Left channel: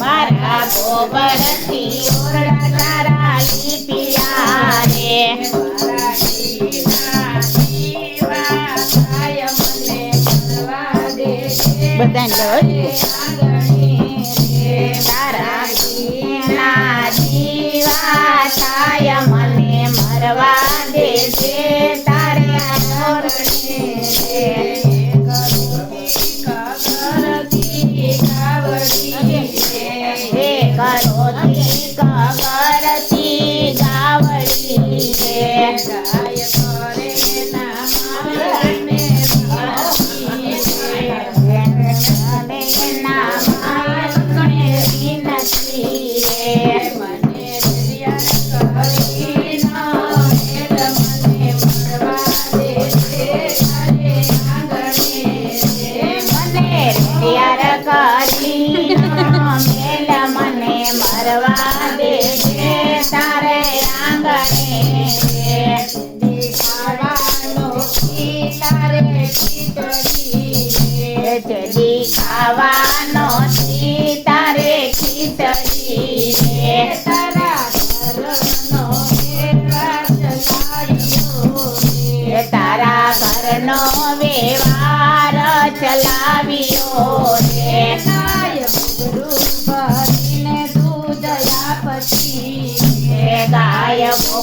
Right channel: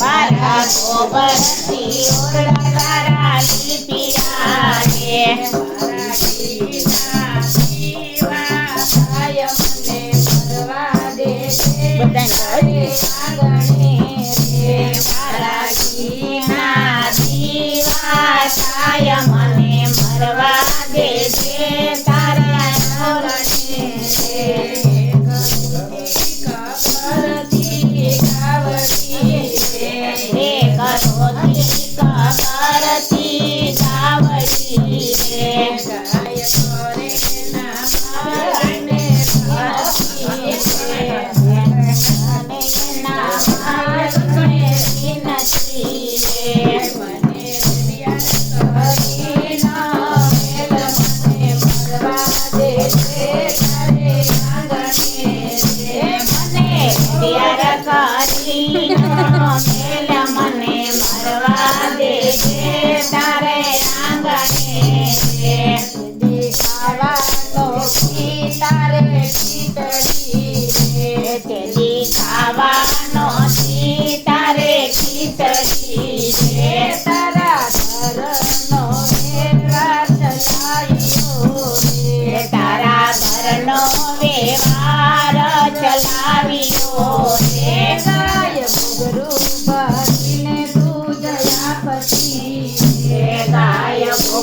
મારા ગોબરથી ઓરડા તારા લીપિયા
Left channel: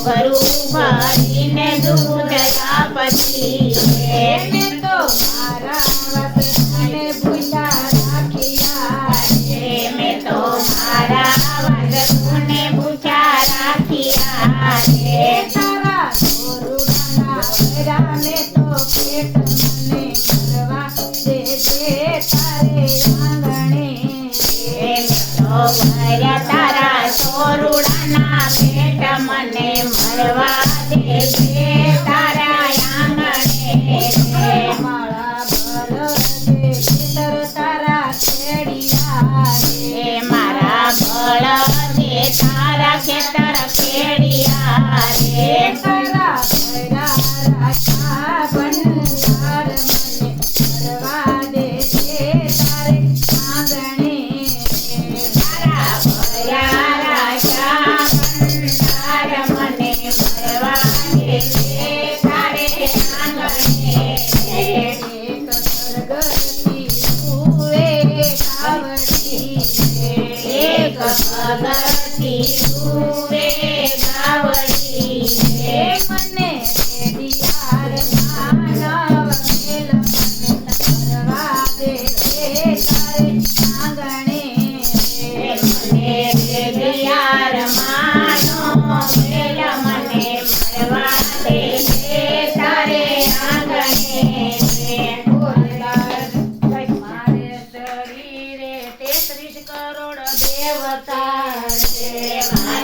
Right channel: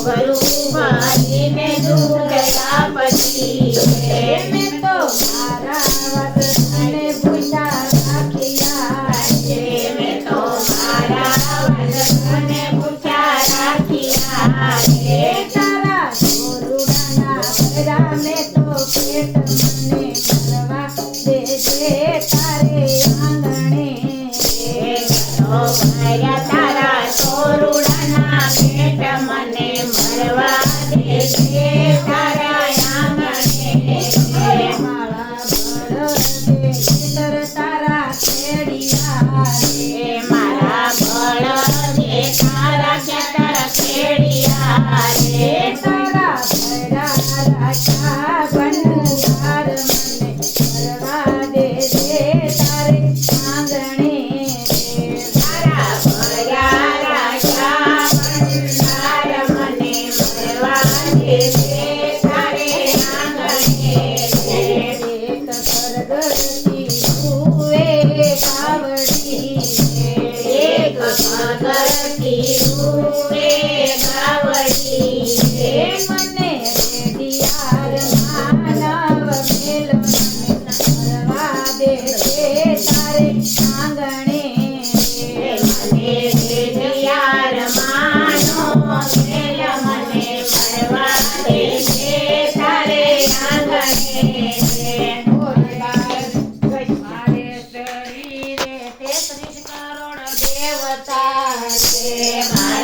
ડમરું ભરીને દૂધ આપતી રે મેં તો મારા વતનને ભૂખ્યા રાખ્યા રે મેં તો મારા વતનને ભૂખ્યા રાખ્યા રે તારા ગોરુડાના કર્યા મેં તો પેટ મને ભરવા દેજે તારે આંગણે માર્યા તારા સોરુડાના પેટ મને ભરવા દેજે તારા આંગણે મારા બળદે ખેતર તારા ખેડિયા રે મારા બળદે તારા ખેતર ખેડિયા રે તારા ભર્યા રાખ્યા ભંડાર મને ભરવા દેજે તારે આંગણે મારા ભર્યા રાખ્યા ભંડાર મને ભરવા દેજે તારે આંગણે એક પરગરતી રૂવે કાવડી એક ભગવતી રૂવે ગાવડી હે મને રેડિયાર માનવ મેલ મને ભરવા દેજે તારે આંગણે મને દેવિયાર માનો મેલ મને ભરવા દેજે તારે આંગણે મારે શરીરે 33 કરોડ દેવતા રે